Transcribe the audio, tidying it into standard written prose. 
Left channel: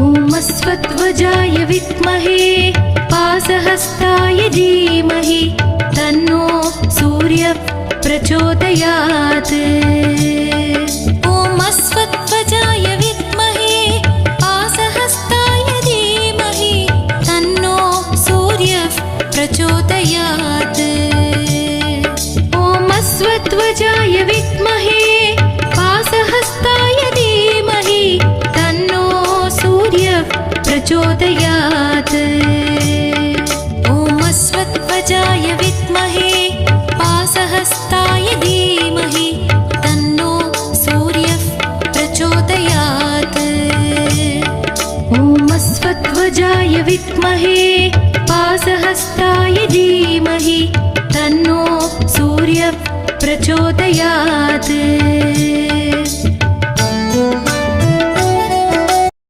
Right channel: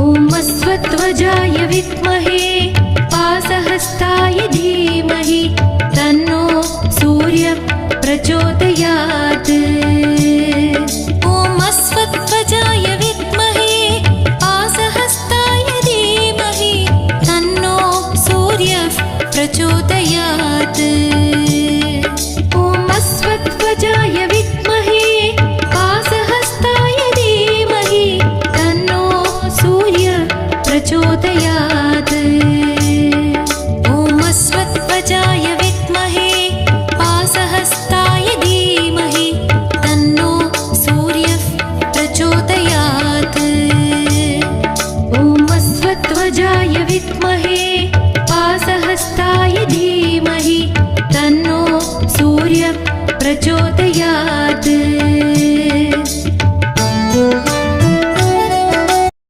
ॐ अश्वत्थध्वजाय विद्महे पाशहस्ताय धीमहि तन्नो सूर्यः प्रचोदयात्। ॐ अश्वत्थध्वजाय विद्महे पाशहस्ताय धीमहि तन्नो सूर्यः प्रचोदयात्। ॐ अश्वत्थध्वजाय विद्महे पाशहस्ताय धीमहि तन्नो सूर्यः प्रचोदयात्। ॐ अश्वत्थध्वजाय विद्महे पाशहस्ताय धीमहि तन्नो सूर्यः प्रचोदयात्। ॐ अश्वत्थध्वजाय विद्महे